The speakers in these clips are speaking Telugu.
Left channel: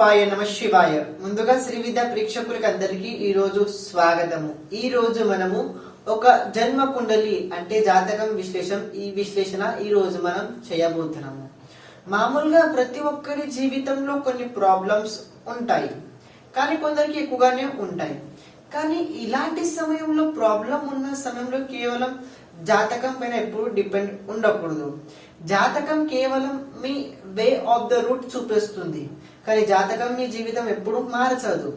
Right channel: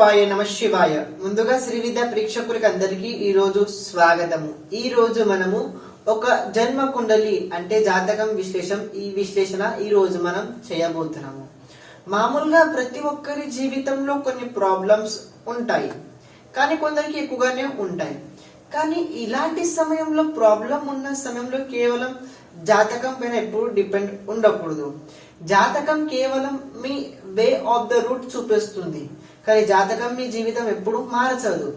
స్వరూపాయ నమ శివాయ. ముందుగా శ్రీ విద్యా ప్రేక్షకులకి అందరికీ ఈ రోజు స్వాగతము. ఈ రోజు మనము ఒక జన్మ కుండలి అంటే జాతకం విశ్లేషణ ఈ రోజు మనం చేయబోతున్నాము. మామూలుగా ప్రతి ఒక్కరి జీవితంలో కొన్ని ప్రాబ్లమ్స్ ఉంటాయి, కానీ కొందరికి ఎక్కువగానే ఉంటాయి. కానీ ఇలాంటి సమయంలో ప్రాబ్లం ఉన్న సమయంలో కేవలం జాతకం పైన ఎప్పుడు డిపెండ్ ఉండకూడదు. జాతకం కేవలం మీ వే ఆఫ్ ద రూట్ చూపిస్తుంది, కానీ జాతకం మీ జీవితం ఎప్పుడు మార్చదు.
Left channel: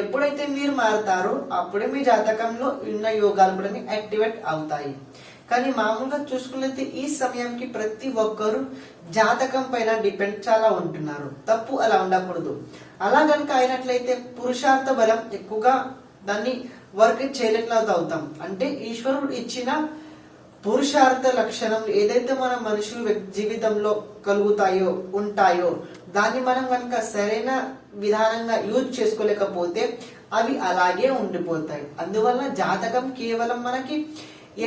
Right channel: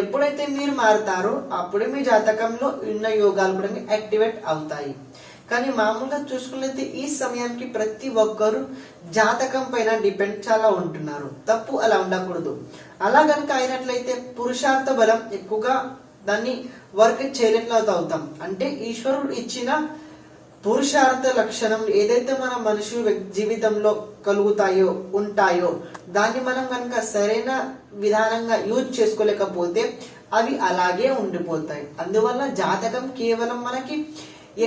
ఎప్పుడైతే మీరు మారుతారో అప్పుడే మీ జాతకంలో ఉన్న యోగాలు కూడా యాక్టివేట్ అవుతాయి. కానీ మామూలుగా చూసుకున్నట్లయితే ఈ సమయానికి ప్రతి ఒక్కరు జాతకం పైన డిపెండ్ చాలా ఉంటున్నారు. తప్పు అలా ఉండకూడదు. అలా కనుక అయినట్లయితే పురుషార్థ బలం ఎక్కువగా దాన్ని వర్క్ చేయలేట్లవుతా అవుతాం. అంటే ఈశ్వరుడు ఇచ్చిన పురుషార్థ లక్షణం ఏదైతే మన మనుషులు జీవితంలో కలుగుతాయో ఉంటాయో దాన్ని మనం కనుక సరైన విధానంగా యూజ్ చేసుకోలేకపోతే అవి అలాగే ఉండిపోతాయి. అందువల్ల జాతకం కేవలం మనకి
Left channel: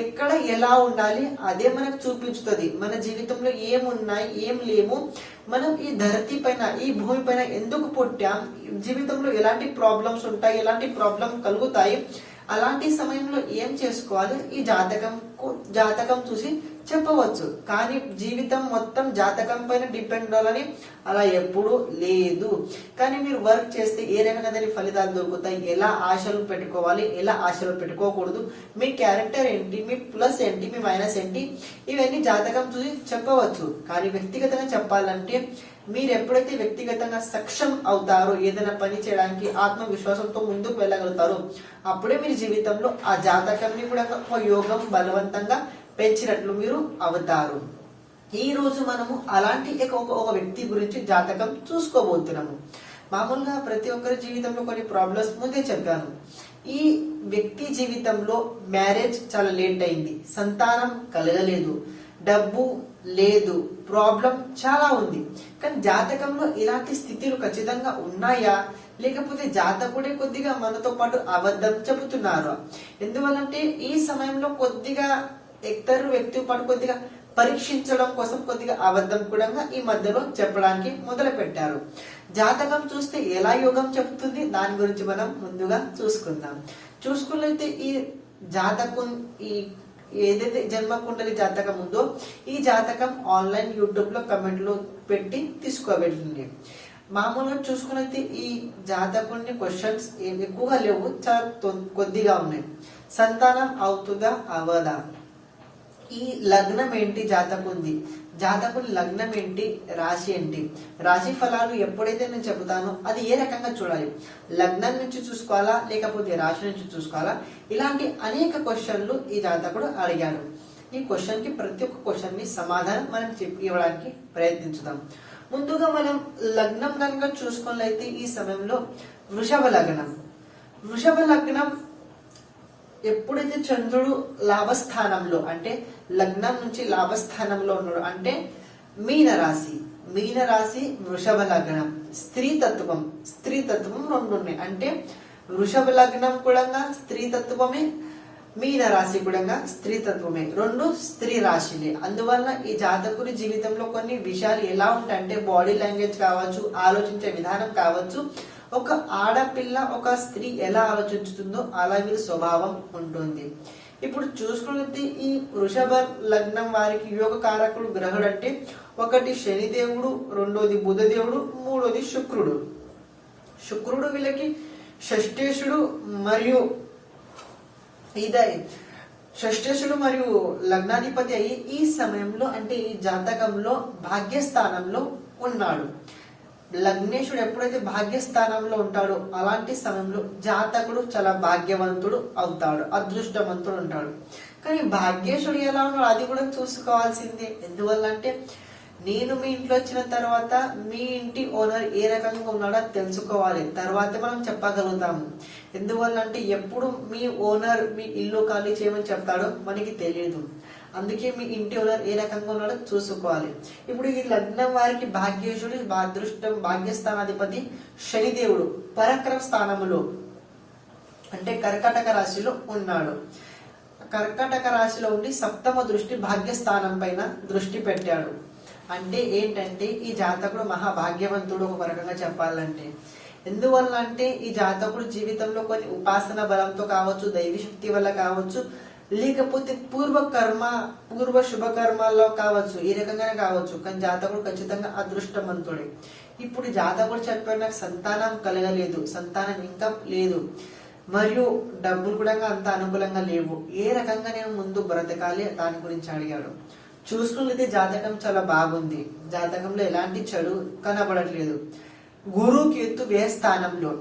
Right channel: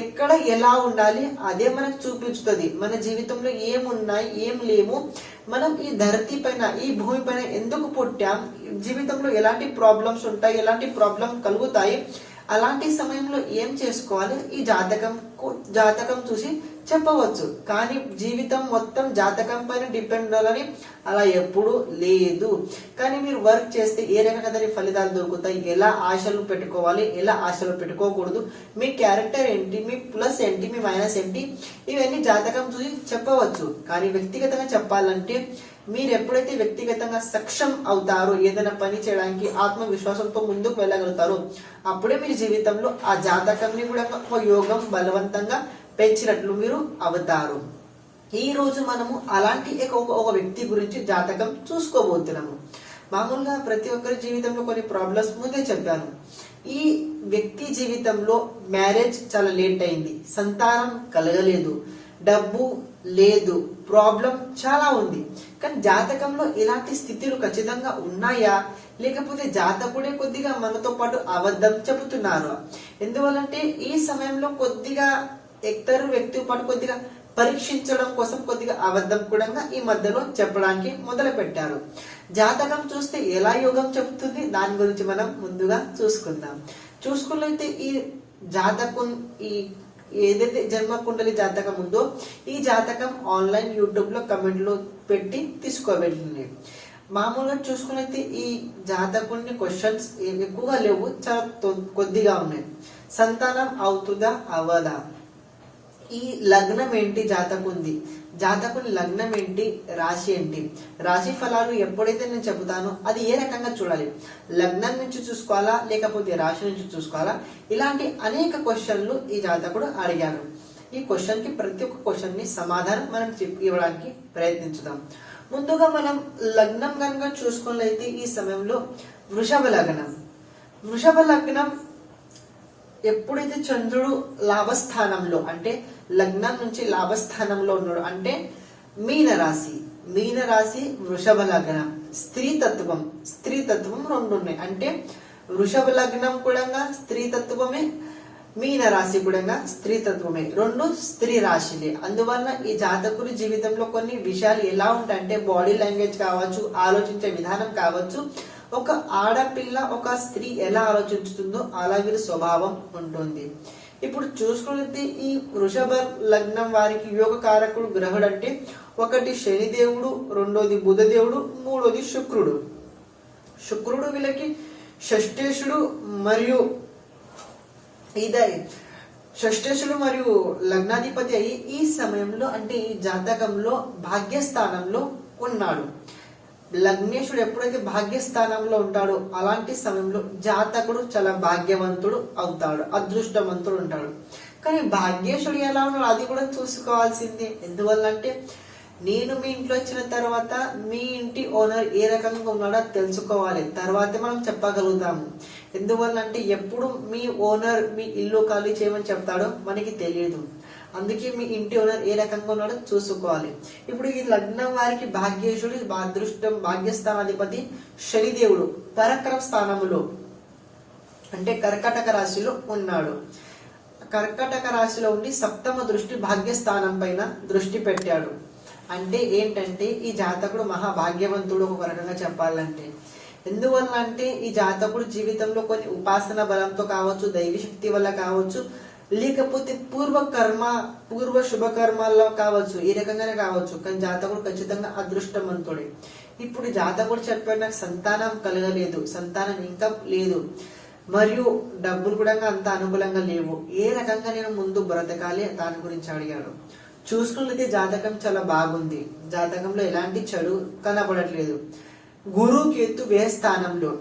ఎక్కడ ఎలా ఉండాలి అదే మనకు చూపించుతుంది. మన జీవితంలో ఏమున్నాయి ఏం లేము, మనం ఈ ధరతి పైన ఈ భూమి పైన ఎందుకు పుట్టాం, జీవితంలో ఎలాంటి ప్రాబ్లమ్స్ ఉంటాయి, ఎలాంటి ప్రాబ్లం కలుగుతాయి, అలాంటి సమయంలో ఏం చేసుకోవాలి ఈ జాతకం చూసి చెప్పవచ్చు. కానీ జీవితం మొత్తం జాతకం పైన డిపెండ్ అవ్వాలని అలా ఎప్పుడు లేదు. కానీ మీరు వర్క్ చేస్తే ఏ రకంగా దాని ఫలితాలు దొరుకుతాయి, ఎలా ఆశలు పెట్టుకోవాలి, ఎలా ఆశలు పెట్టుకోకూడదు, మీ క్యారెక్టర్ ఏంటి, మీ ప్లస్ ఏంటి, మీ మైనస్ ఏంటి, ఇవన్నీ జాతకం చూసి చెప్పవచ్చు. కానీ వ్యక్తిగతంగా చెప్పాలంటే మీరు ఎప్పుడైతే వ్యక్తిగతంగా సక్షం అవుతారో, ఏదైనా పని చేయడానికి ఆత్మవిశ్వాసంతో ముందుకు వెళ్ళగలుగుతారో అప్పుడే మీరు జీవితంలో ఆ జాతకంని కూడా ఒక యోగం బలవంతంగా పెంచినట్లు మీరు అవుతారు. ఈ రోజు మనము అలాంటి ఒక వ్యక్తి గురించి జాతకం చూసుకోబోతున్నాము. మామూలుగా ప్రతి ఒక్కరి జీవితంలో కొన్ని ప్రాబ్లమ్స్ ముందే చెప్పాను. ఈ వ్యక్తి జీవితంలో మ్యారేజ్ చాలా లేట్ అయింది, సంతానం కలగలేదు, డబ్బు లేదు, ప్రాబ్లం చాలా ఉంది. కానీ జాతకంలో ఇలాంటి స్థితులు ఖచ్చితంగా ఉన్నాయా, లేకపోతే జాతకుడే కొద్దిగా మనతో పాటు అబద్ధం చెబుతున్నారు? ఎందువల్లంటే ఈ సమయంలో కొద్దిగా ఇద్దరు వ్యక్తి పాటు కొద్దిగా పరీక్షించడం కోసం కొద్దిగా అబద్ధం కూడా ఈ మధ్యలో చెప్పడానికి మొదలు పెట్టారు. జాతకం చూస్తే ఎలా యోగం చెబుతుంది దాని గురించి మనం ముందుగా చూసుకుందాం. చూసుకున్నట్లయితే ఈ జాతకం ఏదైతే జన్మ కుండలి జాతకం ఉందో ఈ జాతకం ఆన్లైన్ యూట్యూబ్ లో కమెంట్లు పెట్టి తీసుకోబెట్టింది. మామూలుగా చూసుకున్నైతే ఈ జాతకుని క్వశ్చన్స్ ఎక్కువగా లేవు, చాలా కొద్దిగా ఉన్నాయి. సంతానం అవుతుందా అవదా, ఈ లగ్నం ఏంటి జాతకుంది, జాతకుని లగ్నం ఏంటి, రాశి ఏంటి, రాశి ఫలాలు ఎప్పుడైతే నేను చెబుతానో అది ఏ రకంగా చూడాలి, లగ్నం నుంచి చూసుకోవాలా లేకపోతే రాశి నుంచి చూసుకోవాలా, ఇలాంటి అనేక క్వశ్చన్లు ఈ జాతకుడు అడిగాడు. ఈ క్వశ్చన్ కి ప్రతి ఒక్క క్వశ్చన్ ని సమాధానం మనం ఇవ్వడానికి ప్రయత్నించుదాం. ముందుగా మనం లగ్నం కనుక చూసుకున్నట్లయితే ఈ సమయంలో వృషభ లగ్నం ఎప్పుడైతే చంద్రుడు లాభస్థానంలో అంటే లగ్నం నుంచి లాభస్థానంలో ఉన్నాడు అంటే మీన రాశి వృషభ లగ్నం. స్త్రీతత్వం రెండు ఉన్నాయి. అంటే వృషభ లగ్నం కూడా స్త్రీతత్వమే, మీన రాశి కూడా స్త్రీతత్వమే, రెండు స్త్రీ రాశిలే. అందువల్ల ఈ జాతకుడి జీవితంలో కొన్ని విషయాలు ఎలా ఉంటాయంటే బాడీ లాంగ్వేజ్ కావచ్చు, ఆలోచించే విధానం కావచ్చు, ఒక ఆడపిల్ల ఒక స్త్రీ ఎలా ఆలోచించుతుందో అలా వీరి స్వభావం ఉంటుంది. ఇప్పుడు చూసుకుంటే ఈ వృషభ లగ్నం వారికి యోగ కారకుడు గ్రహుడు అంటే ఒకటి శనిదేవుడు, రెండోది బుధదేవుడు, మూడోది శుక్రుడు వీళ్ళకి షష్ఠేశుడు మరియు లగ్నాధిపతి అయి ఈ సమయంలో అంటే ఈ జాతకంలో భాగ్యస్థానంలో ఉన్నాడు. లగ్నేశుడు ఎప్పుడైతే భాగ్యస్థానంలో ఉంటాడో అలాంటి సమయంలో జాతకుడు చాలా భాగ్యవంతుడు అవుతాడు, అదృష్టవంతుడు ఉంటాడు. కానీ భాగ్యేశుడు ఎలా ఉన్నాడు అది కూడా చూసుకోవాల్సిందే. ఎందువల్లంటే నేను మీ ఇంట్లో వచ్చిన తర్వాత మీ ఇంటి ఓనర్ ఏ రకంగా ఉన్నాడో తెలుసుకోవాలి, తర్వాత మనం చెప్పగలుగుతాము. ఎందువల్లంటే ఎప్పుడు మీ ఓనర్ మీ ఇల్లు ఖాళీ చేయమని చెప్తాడో మనకి తెలియదు. అందుకే మీ ఇంటి ఓనర్ ఏ రకంగా ఉన్నాడో చూసుకోవాలి. ఇప్పుడు ఈ లగ్నం వారికి భాగ్యేశుడు అదృష్టం భాగ్యస్థానాధిపతి శనిదేవుడు పరాక్రమ స్థానములో అంటే కర్కాటక రాశిలో ఉన్నాడు. కర్కాటక రాశిలో ఉండి సప్తమ దృష్టి భాగ్యస్థానం పైన దృష్టి పెట్టాడు. అంటే ఏంటంటే ఈ జాతకుడు మహాభాగ్యవంతుడు ఒక రకంగా చెప్పాలంటే. ఎందువల్ల అంటే ఈ జాతకుడు జీవితంలో కొన్ని ఉపాసన బలంతో కావచ్చు, దైవశక్తి వల్ల కావచ్చు, లేకపోతే పూర్వ శుభ కర్మాల్లో కావచ్చు, ఈ రకంగానే కావచ్చు. కానీ జాతకుడు ఖచ్చితంగా అదృష్టవంతుడే. ఇప్పుడు జాతకుడు చెప్పిన నాకు సంతానం కలగలేదు, సంతానం ఇంకా లేదు, మరియు డబ్బులు కూడా అంత అనుకూలంగా లేవు, ఏ రకంగా నేను ముందు బ్రతకాలి దాని గురించి అడిగాడు. చూసుకున్నట్లయితే జాతకం చాలా బాగుంది, జాతకంలో ఎలాంటి చెడు కనబడట్లేదు. గురు కేతు వ్యయ స్థానంలో.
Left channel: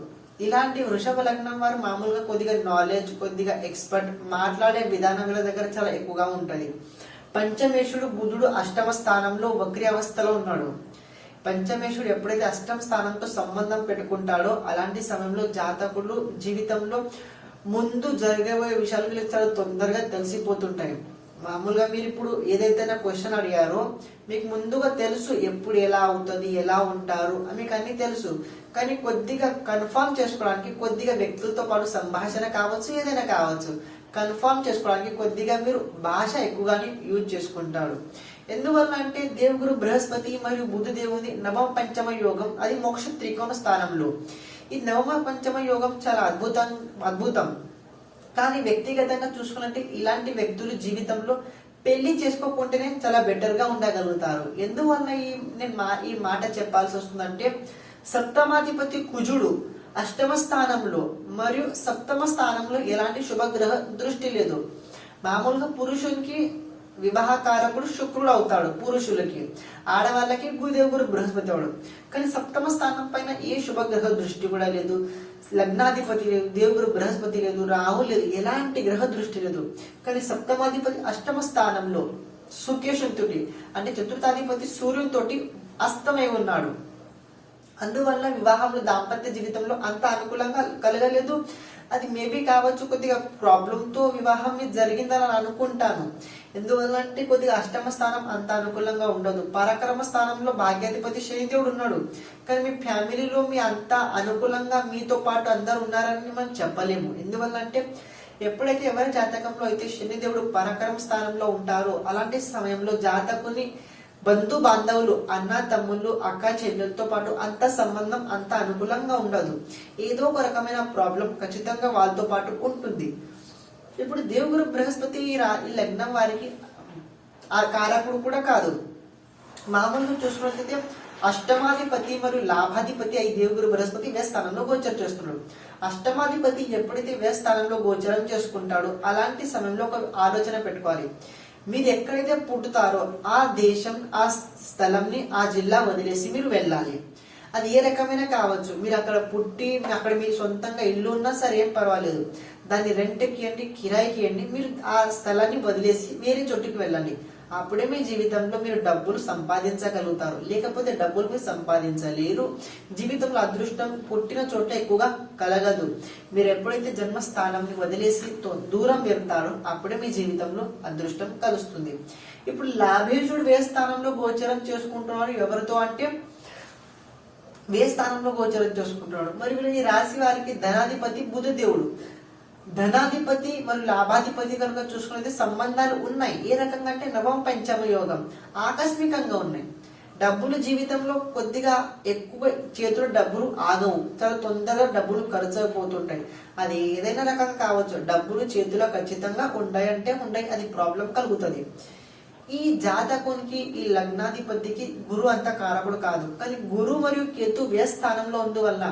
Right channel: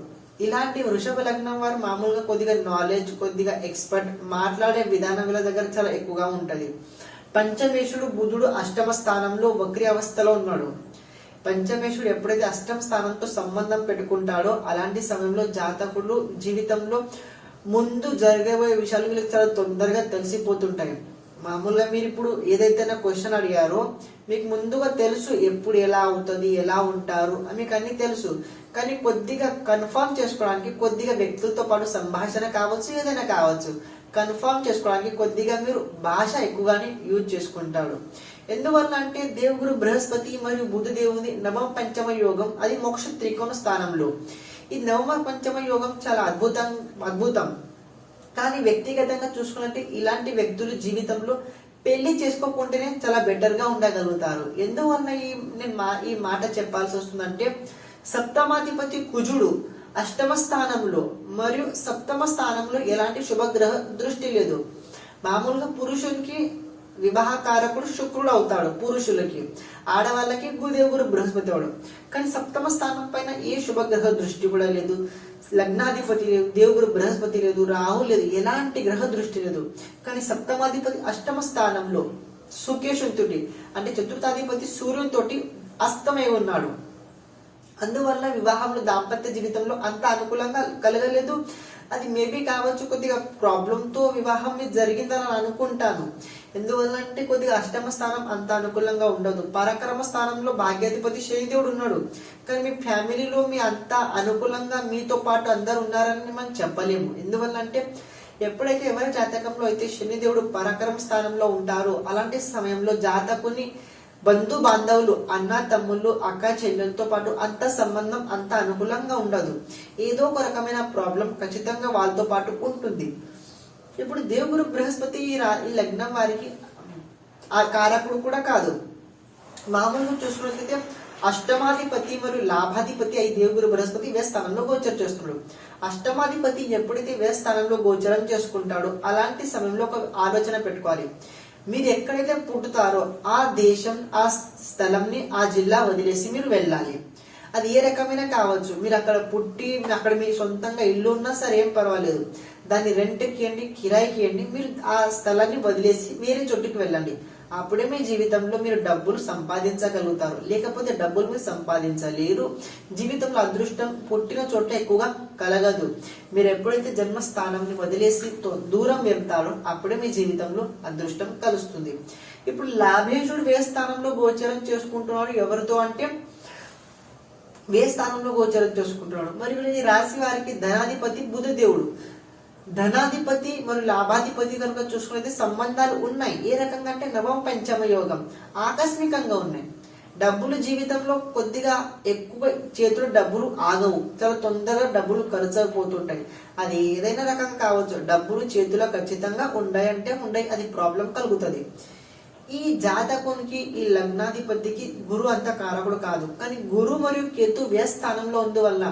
ఇలాంటి వృషభ లగ్నం వారు మామూలుగా కొద్దిగా నాలెడ్జ్, కొద్దిగా ఎక్స్పర్ట్, మాట్లాడే విధానం వీళ్ళ దగ్గర చాలా ఎక్కువగా ఉంటది. పంచమేశుడు బుధుడు అష్టమ స్థానంలో వక్రి అవస్థలో ఉన్నాడు. పంచమేశుడు ఎప్పుడైతే అష్టమ స్థానంతో సంబంధం పెట్టుకుంటాడో అలాంటి సమయంలో జాతకులు జీవితంలో ముందు జరగబోయే విషయాలు వీళ్ళకి చాలా తొందరగా తెలిసిపోతుంటాయి. మామూలుగా మీరు ఇప్పుడు ఏదైతే నా క్వశ్చన్ అడిగారో మీకు ముందుగా తెలుసు ఎప్పుడు ఎలా అవుతుంది, ఎలా ఉంటారు మీకు అన్ని తెలుసు. కానీ కొద్దిగా కన్ఫర్మ్ చేసుకోవడానికి కొద్దిగా వ్యక్తులతో పాటు సంభాషణ కావచ్చు, ఏదైనా కావచ్చు, కన్ఫర్మ్ చేసుకోవడానికి కొద్దిగా మీరు భాష ఎక్కువగానే యూజ్ చేసుకుంటారు. ఎందువల్ల అంటే దేవుగురు బృహస్పతి మరియు బుధ దేవుని నవమ పంచమ యోగం, అది మోక్ష త్రికోణ స్థానంలో. ఈ నవమ పంచమ యోగం చాలా అద్భుతం. కానీ వ్యక్తిగతంగా చూసుకున్నట్టు ఇలాంటి వ్యక్తులు జీవితంలో పెళ్లి చేసుకోకుంటేనే చాలా బెటర్ గా ఉండగలుగుతారు. ఎందువల్ల ఈ మాట చెప్పాల్సి వస్తుందంటే సప్తమాధిపతి కుజుడు అష్టమ స్థానంలో మరియు సప్తమ స్థానంలో ఎలాంటి శుభగ్రహ దృష్టి లేదు. మామూలుగా పురుషునికి వివాహకారకుడు శుక్రుడు అవుతాడు, పురుషులకి. ఆడవాళ్ళకి గురుదేవుడు బృహస్పతి అవడం. కానీ సప్తమ స్థానం పైన ఏ శుభగ్రహ దృష్టి కూడా లేదు, లగ్నాధిపతి లేదు, దేవుడు బృహస్పతి లేదు, రాహు లేదు, ఎలాంటి గ్రహ దృష్టి లేదు. కానీ సప్తమాధిపతి అష్టమ స్థానంలో సుకేశుతోటి అంటే చతుర్థాధిపతి సూర్యునితోటి అస్తమై ఉన్నాడు. అందువల్ల వివాహంలో దాంపత్య జీవితంలో అంత అనుకూలంగా కలగలేదు. అది మేబీ కావచ్చు కొద్దిగా ప్రాబ్లంతో వివాహం జరిగిందని అనుకుంటాను. ఎందువల్ల అంటే కొద్దిగా అష్టమ స్థానం అంత అనుకూలంగా ఉండదు. పరాక్రమ స్థానంలో భాగ్యాధిపతి శనిదేవుడు ఉన్నాడు. కానీ మీ ఫ్యామిలీలో మీ అంత అనుకూలంగా మీతో పాటు అందరు ఉన్నారని మనం చెప్పలేము. ఎందువల్ల అంటే ఎప్పుడైతే ఎవరి జాతకంలో అయితే శనిదేవుడు పరాక్రమ స్థానంలో ఉంటారో అలాంటి సమయంలో జాతకుని బంధు బాంధవులు, అన్న తమ్ముళ్ళు, అక్క చెల్లెలతో పాటు అంత సంబంధం అంత అనుకూలంగా ఉండదు. ఏదో ఒక రకమైన ప్రాబ్లం ఖచ్చితంగా వాళ్ళతో పాటు ఉంటుంది. ఇప్పుడు దేవుగురు బృహస్పతి ఈ లగ్నం వారికి ఆ కారకుడు కూడా కాదు. మామూలుగా చూసుకున్నట్లయితే అష్టమాధిపతి మరియు లాభాధిపతి అయి దేవుగురు బృహస్పతి వ్యయ స్థానంలో గోచరం చేస్తున్నాడు. అష్టమాధిపతి ఎప్పుడైతే వ్యయ స్థానంలో గోచరం చేసుకుంటాడో అలాంటి సమయంలో ఒక ఆలోచన పెట్టుకోవాలి. మీరు ఎక్కడైతే పుట్టుతారో ఆ దేశం, ఆ స్థలంని, ఆ జిల్లా వదిలేసి మీరు వెళ్ళాలి. అది ఏ రకమైన కావచ్చు. మీరు అక్కడ పుట్టి అక్కడ మీ సొంతంగా ఇల్లు ఉన్నా సరే ఏం పర్వాలేదు, దాన్ని రెంట్కి ఇవ్వండి, కిరాయికి ఇవ్వండి, మీరు ఆ స్థలాన్ని వదిలేసి వేరే చోటుకి వెళ్ళండి. అప్పుడే మీ జీవితంలో మీరు డబ్బులు సంపాదించగలుగుతారు. లేకపోతే డబ్బులు మీరు సంపాదించలేరు. జీవితంలో అదృష్టం పుట్టిన చోట ఎక్కువగా కలగదు. మీరు ఎప్పుడైతే జన్మస్థానాన్ని వదిలేసి దూరం వెళ్తారో అప్పుడే మీ జీవితంలో అదృష్టం కలుస్తుంది. ఇప్పుడు లాభేశుడు వ్యయ స్థానంలో గోచరం చేసుకుంటున్నాడు. ఎవరితో అంటే వ్యయ స్థానంలో గోచరం చేసుకుంటున్నాడు. మరి ఈ రాశి వారికి ధనాధిపతి బుధ దేవుడు. ధనాధిపతి మరియు లాభాధిపతి కనుక చూసుకున్నది సంబంధాలు ఉన్నాయి. ఏ రకంగా అంటే నవమ పంచమ యోగం ఆకస్మికంగా ఉన్నాయి. డబ్బులు జీవితంలో కొద్దిగా ఎక్కువ చేతులు డబ్బులు ఆగవు, చాలా తొందరగా డబ్బులు ఖర్చు అయిపోతుంటాయి. అది ఏదైనా రకం కావచ్చు, డబ్బులు చేతిలో ఖచ్చితంగా ఉండాయంటే ఉండాయి, అది ప్రాబ్లం కలుగుతుంది. ఈ జాతకునికి ఈ లగ్నాధిపతికి గురు అంత కారకుడు కాదు. కానీ గురు మరియు కేతు వ్యయ స్థానంలో అందువల్ల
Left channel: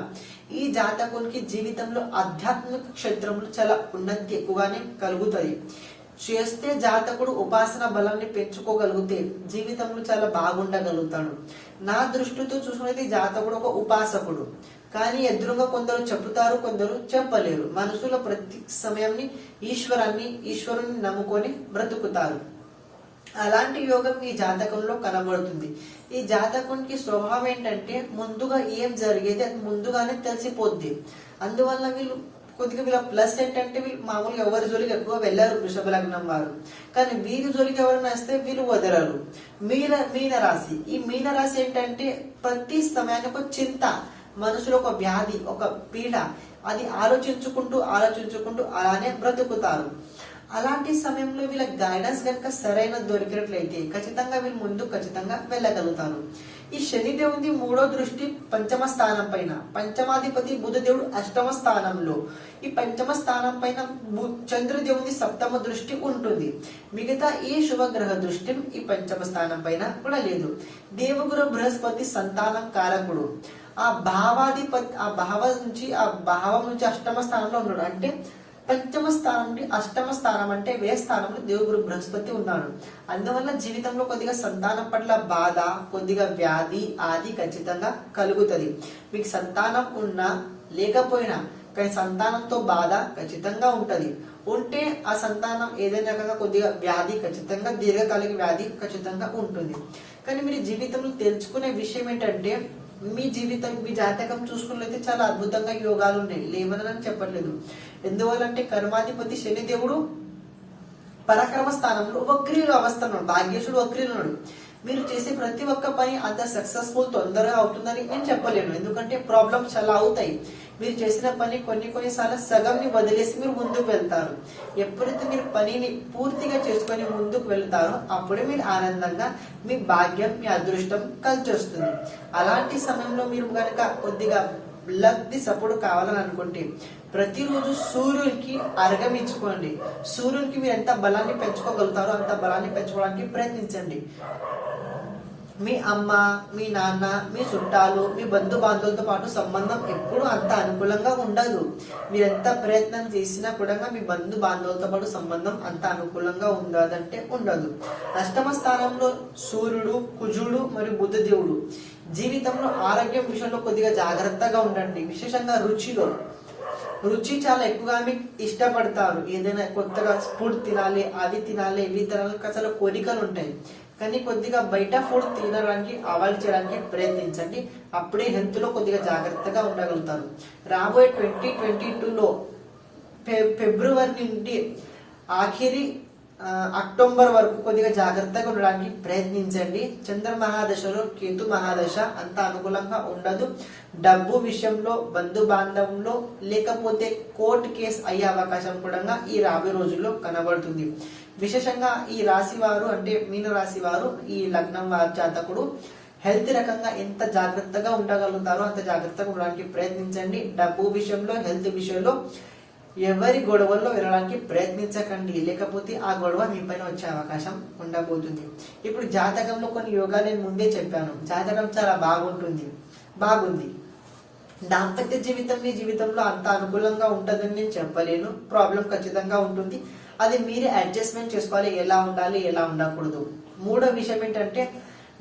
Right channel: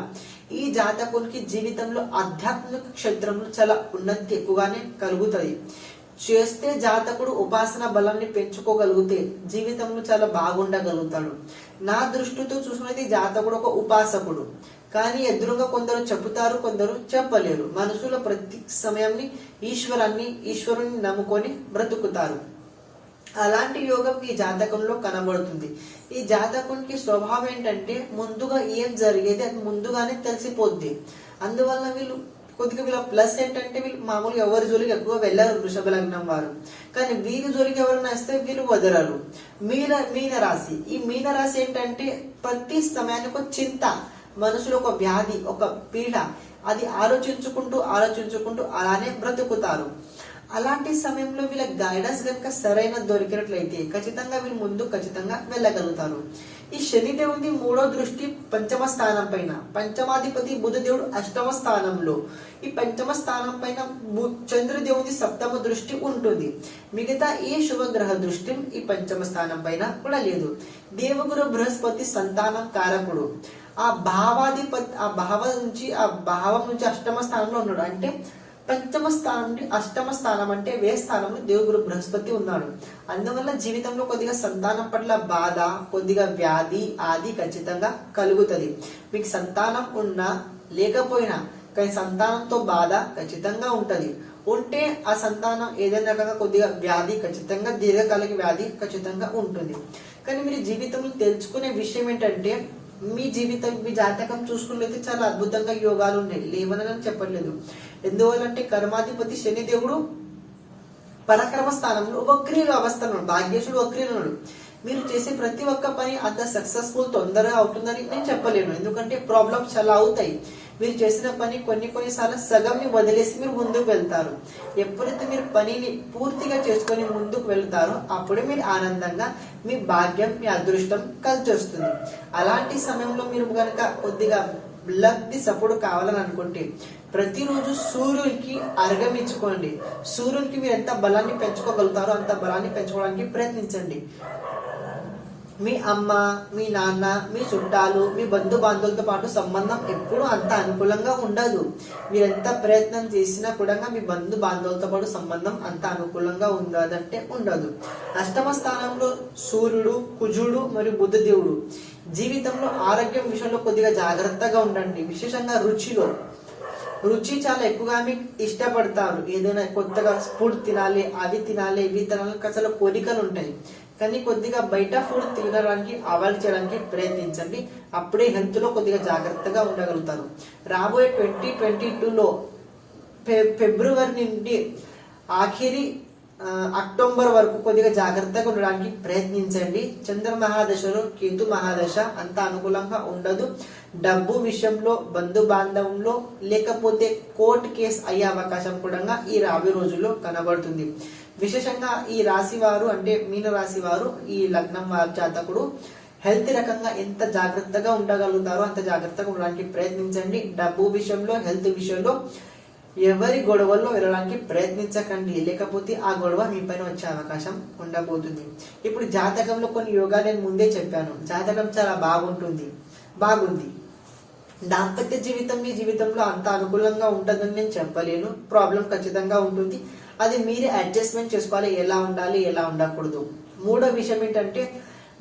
ఈ జాతకునికి జీవితంలో ఆధ్యాత్మిక క్షేత్రంలో చాలా ఉన్నతి ఎక్కువగానే కలుగుతుంది. చేస్తే జాతకుడు ఉపాసన బలాన్ని పెంచుకోగలిగితే జీవితంలో చాలా బాగుండగలుగుతాడు. నా దృష్టితో చూసుకున్నది జాతకుడు ఒక ఉపాసకుడు. కానీ ఎదురుగా కొందరు చెబుతారు, కొందరు చెప్పలేరు. మనసులో ప్రతి సమయాన్ని ఈశ్వరుని నమ్ముకొని బ్రతుకుతారు. అలాంటి యోగం ఈ జాతకంలో కనబడుతుంది. ఈ జాతకునికి స్వభావం ఏంటంటే ముందుగా ఏం జరిగేది అది ముందుగానే తెలిసిపోద్ది. అందువల్ల కొద్దిగా వీళ్ళ ప్లస్ ఏంటంటే వీళ్ళు మామూలుగా ఎవరి జోలికి ఎక్కువ వెళ్ళారు వృషభ లగ్నం వారు. కానీ వీరి జోలికి ఎవరైనా వస్తే వీళ్ళు వదలరు. మీన రాశి, ఈ మీన రాశి ఏంటంటే ప్రతి సమయానికి ఒక చింత, మనసులో ఒక వ్యాధి, ఒక పీడ, అది ఆలోచించుకుంటూ అలానే బ్రతుకుతారు. అలాంటి సమయంలో వీళ్ళ గైడెన్స్ కనుక సరైన దొరికినట్లయితే ఖచ్చితంగా వీళ్ళు ముందు ఖచ్చితంగా వెళ్ళగలుగుతారు. ఈ శనిదేవుని మూడో దృష్టి పంచమ స్థానం పైన, పంచమాధిపతి బుధదేవుడు అష్టమ స్థానంలో, ఈ పంచమ స్థానం పైన చంద్రదేవుని సప్తమ దృష్టి ఉంటుంది. మిగతా ఏ శుభగ్రహ దృష్టి ఈ పంచమ స్థానం పైన కూడా లేదు. దేవగురు బృహస్పతి సంతానం కారకుడు. ఆ భావం నుంచి అష్టమ స్థానంలో ఉన్నాడు. అంటే పంచమ స్థానం నుండి అష్టమ స్థానం అంటే వ్యయ స్థానంలో దేవుడు బృహస్పతి ఉన్నాడు. అందువల్ల జీవితంలో కొద్దిగా సంతానం పట్ల బాధ, కొద్దిగా వ్యాధి ఆది ఖచ్చితంగా కలుగుతుంది. మీకు సంతానం ఉన్నా లేకపోయినా కానీ సంతానంతో బాధ ఖచ్చితంగా ఉంటది. ఉంటే ఆ సంతానం ఏదైనా రకంగా కొద్దిగా వ్యాధి ఖచ్చితంగా దీర్ఘకాలిక వ్యాధి ఖచ్చితంగా ఉంటుంది. కానీ మీరు జీవితంలో తెలుసుకునే విషయం ఏంటంటే మీ జాతకం చూసుకున్నట్లయితే చాలా అద్భుతంగా యోగాలు ఉన్నాయి, లేవనని చెప్పట్లేదు. ఎందువల్లంటే కర్మాధిపతి శనిదేవుడు పరాక్రమ స్థానంలో వక్రీయ అవస్థ ఉన్నాడు, భాగ్యేశుడు వక్రీయ ఉన్నాడు. మీరు చేసే ప్రతి ఒక్క పని అంత సక్సెస్ఫుల్ తొందరగా అవుతుందని నేను చెప్పలేను. ఎందుకంటే ప్రాబ్లమ్స్ చాలా అవుతాయి. మీరు చేసిన పని కొన్నిసార్లు సగంని వదిలేసి మీరు ముందుకు వెళ్తారు. ఎప్పుడైతే మీరు పనిని పూర్తిగా చేసుకొని ముందుకు వెళ్తారో అప్పుడే మీరు ఆనందంగా మీ భాగ్యం, మీ అదృష్టం కలిసి వస్తుంది. అలాంటి సమయంలో మీరు కనుక కొద్దిగా లక్ది సపోర్ట్ కావాలని అనుకుంటే ప్రతిరోజు సూర్యుడికి అర్ఘమించుకోండి. సూర్యుడికి మీరు ఎంత బలాన్ని పెంచుకోగలుగుతారో అంత బలాన్ని పెంచుకోవడానికి ప్రయత్నించండి. మీ అమ్మ, మీ నాన్న, మీ చుట్టాలు, మీ బంధు బాంధవులతో పాటు సంబంధం ఎప్పుడూ అంత అనుకూలంగా ఉండదు. మీరెంత ప్రయత్నం చేసినా కూడా మీ బంధు బాంధవులతో పాటు సంబంధం అంత అనుకూలంగా ఉండదంటే ఉండదు. అష్టమ స్థానంలో సూర్యుడు, కుజుడు మరియు బుధదేవుడు. జీవితంలో ఆరోగ్యం విషయంలో కొద్దిగా జాగ్రత్తగా ఉండండి. విశేషంగా రుచి చాలా ఎక్కువగా మీకు ఇష్టపడతారు. ఏదైనా కొత్తగా ఫుడ్ తినాలి, అవి తినాలి, ఇవి తినాలి, అసలు కోరికలు ఉంటాయి. కానీ కొద్దిగా బయట ఫుడ్ తినడానికి అవాయిడ్ చేయడానికి ప్రయత్నించండి. అప్పుడే హెల్త్ లో కొద్దిగా జాగ్రత్తగా ఉండగలుగుతారు. రాబోయే 2022లో ఫిబ్రవరి నుండి ఆఖరి అక్టోబర్ వరకు కొద్దిగా జాగ్రత్తగా ఉండడానికి ప్రయత్నించండి. చంద్ర మహాదశలో కేతు మహాదశ అంత అనుకూలంగా ఉండదు. డబ్బు విషయంలో, బంధు బాంధవంలో, లేకపోతే కోర్టు కేసు అయ్యే అవకాశం కూడా ఈ రాబోయే రోజుల్లో కనబడుతుంది. విశేషంగా ఈ రాశి వారు అంటే మీన రాశి వారు, ఈ లగ్నం వారి జాతకుడు హెల్త్ రకంగా ఎంత జాగ్రత్తగా ఉండగలుగుతారో అంత జాగ్రత్తగా ఉండడానికి ప్రయత్నించండి. డబ్బు విషయంలో, హెల్త్ విషయంలో ఎవరి గొడవల్లో వెళ్ళడానికి ప్రయత్నించకండి, లేకపోతే ఆ గొడవ మీ పైన వచ్చే అవకాశం ఉండబోతుంది. ఇప్పుడు జాతకంలో కొన్ని యోగాలు నేను ముందే చెప్పాను. జాతకం చాలా బాగుంది. దాంపత్య జీవితం మీ జీవితంలో అంత అనుకూలంగా ఉంటుందని నేను చెప్పలేను. ప్రాబ్లం ఖచ్చితంగా ఉంటుంది. అది మీరే అడ్జస్ట్మెంట్ చేసుకోవాలి, ఎలా ఉండాలి, ఎలా ఉండకూడదు. మూడో విషయం ఏంటంటే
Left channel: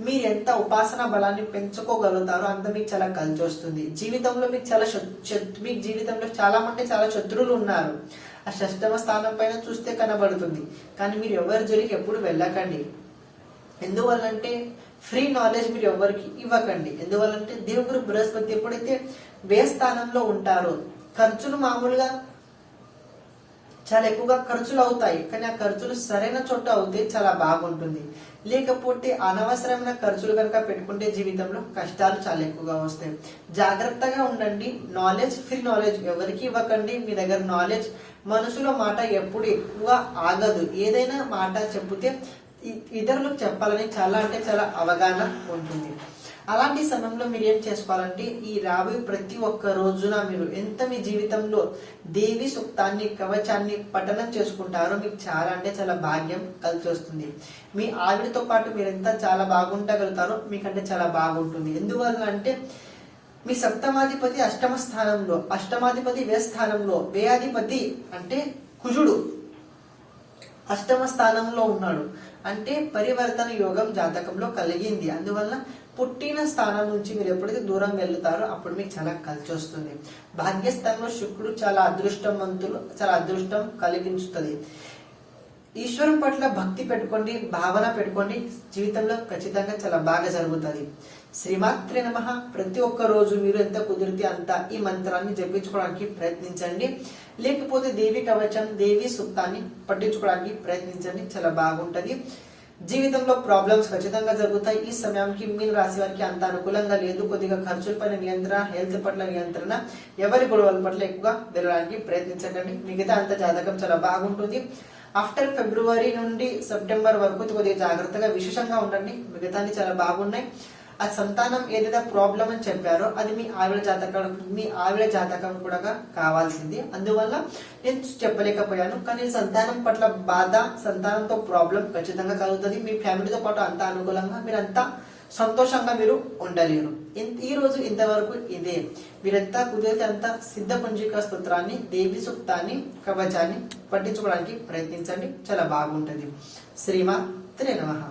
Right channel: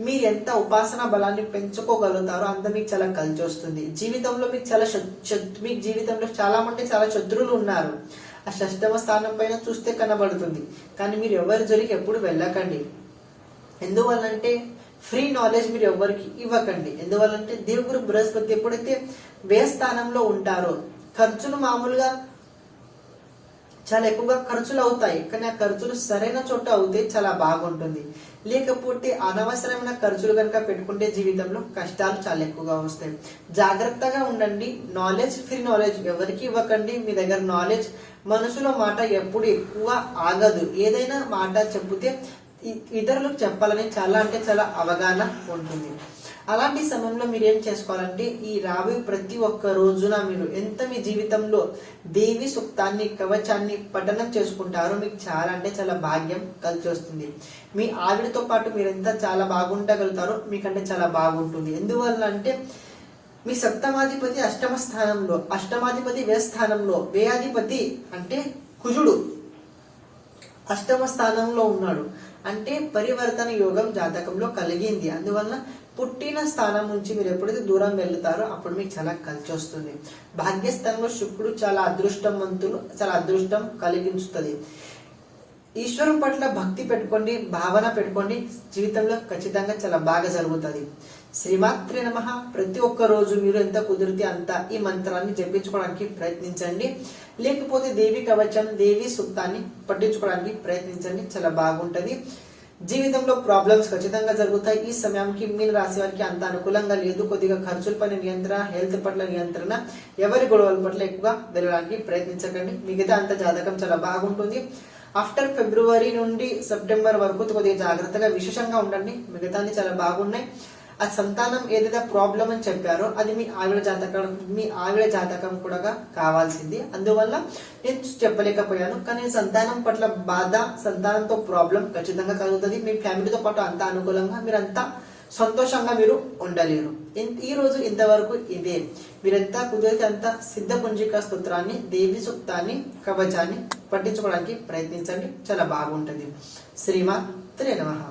మీరు ఎంత ఉపాసన బలాన్ని పెంచుకోగలుగుతారో అంత మీకు చాలా కలిసి వస్తుంది. జీవితంలో మీకు జీవితంలో చాలా శత్రువులు ఉన్నారు. ఆ షష్టమ స్థానం పైన చూస్తే కనబడుతుంది. కానీ మీరు ఎవరి జోలికి ఎప్పుడు వెళ్ళకండి. ఎందువల్లంటే ఫ్రీ నాలెడ్జ్ మీరు ఎవరికి ఇవ్వకండి. ఎందువల్లంటే దేవుడు బృహస్పతి ఎప్పుడైతే వ్యయ స్థానంలో ఉంటారో ఖర్చులు మామూలుగా చాలా ఎక్కువగా ఖర్చులు అవుతాయి. కానీ ఆ ఖర్చులు సరైన చోట అవుతే చాలా బాగుంటుంది. లేకపోతే అనవసరమైన ఖర్చులు కనుక పెట్టుకుంటే జీవితంలో కష్టాలు చాలా ఎక్కువగా వస్తాయి. జాగ్రత్తగా ఉండండి. ఫ్రీ నాలెడ్జ్ ఎవరికి ఇవ్వకండి. మీ దగ్గర నాలెడ్జ్, మనసులో మాట ఎప్పుడు ఎక్కువ ఆగదు. ఏదైనా మాట చెబితే ఇతరులకు చెప్పాలని చాలా అవగాహన ఉంటుంది. అలాంటి సమయంలో మీరు ఏం చేసుకోవాలంటే ఈ రాబోయే ప్రతి ఒక్క రోజున మీరు ఎంత మీ జీవితంలో దేవి సూక్తాన్ని, కవచాన్ని పఠనం చేసుకుంటారో మీకు చాలా భాగ్యం కలిసి వస్తుంది. మీ ఆవిడతో పాటు మీరు ఎంత చాలా బాగుండగలుగుతారో మీకంటే చాలా బాగుంటుంది. ఎందువల్ల అంటే మీ సప్తమాధిపతి అష్టమ స్థానంలో, అష్టమాధిపతి వ్యయ స్థానంలో, వ్యయాధిపతి అంటే కుజుడు అష్టమ స్థానంలో ఉన్నాడు. అంటే పరివర్తన యోగం జాతకంలో కలిగింది. అందువల్ల పుట్టిన స్థానం నుంచి మీరు ఎప్పుడైతే దూరం వెళ్తారో అప్పుడు మీకు చాలా కలిసి వస్తుంది. భాగ్యస్థానంలో శుక్రుడు చాలా అదృష్టం కలిగించుతుంది. ఈశ్వరం పట్ల భక్తి పెట్టుకోండి, భావన పెట్టుకోండి. జీవితంలో ఖచ్చితంగా చాలా బాగా జరుగుతుంది. శ్రీమాత్రే నమః. ప్రతి ఒక్క రోజు మీరు ఎంత కుదిరితే అంత ఈ మంత్రాన్ని జపించుకోవడానికి ప్రయత్నించండి. లేకపోతే దేవి కవచం, దేవి సూక్తాన్ని పట్టించుకోవడానికి ప్రయత్నించండి. చాలా బాగుంటది. జీవితంలో ప్రాబ్లమ్స్ ఖచ్చితంగా జరుగుతాయి. ఈ సమయానికి మీన రాశి వారికి అంత అనుకూలంగా లేదు. కొద్దిగా ఖర్చుల పైన నియంత్రణ, హెల్త్ పట్ల నియంత్రణ, ఎవరి గొడవల పట్ల ఎక్కువగా వెళ్ళడానికి ప్రయత్నించకండి. మిగతా అంత జాతకం చాలా బాగుంటుంది. ఆఫ్టర్ ఫిబ్రవరి నుండి సెప్టెంబర్ వరకు కొద్దిగా జాగ్రత్తగా విశేషంగా ఉండండి. మిగతాన్ని చాలా బాగున్నాయి. ఆ సంతానం ఏదైతే ప్రాబ్లం అని చెప్పారో అది మీ ఆవిడ జాతకం కూడా కావాల్సింది. అందువల్ల నేను చెప్పలేకపోయాను. కానీ సంతానం పట్ల బాధ, సంతానంతో ప్రాబ్లం ఖచ్చితంగా కలుగుతుంది. మీ ఫ్యామిలీతో పాటు అంత అనుకూలంగా మీరంతా సంతోషంగా మీరు ఉండలేరు. ఈ రోజు ఇంతవరకు ఇదే. మీరంతా కుదిరితే అంత సిద్ధ పుంజిక స్తోత్రాన్ని, దేవి సూక్తాన్ని, కవచాన్ని పట్టించుకోవడానికి ప్రయత్నించండి. చాలా బాగుంటుంది. శ్రీమాత్రే నమః.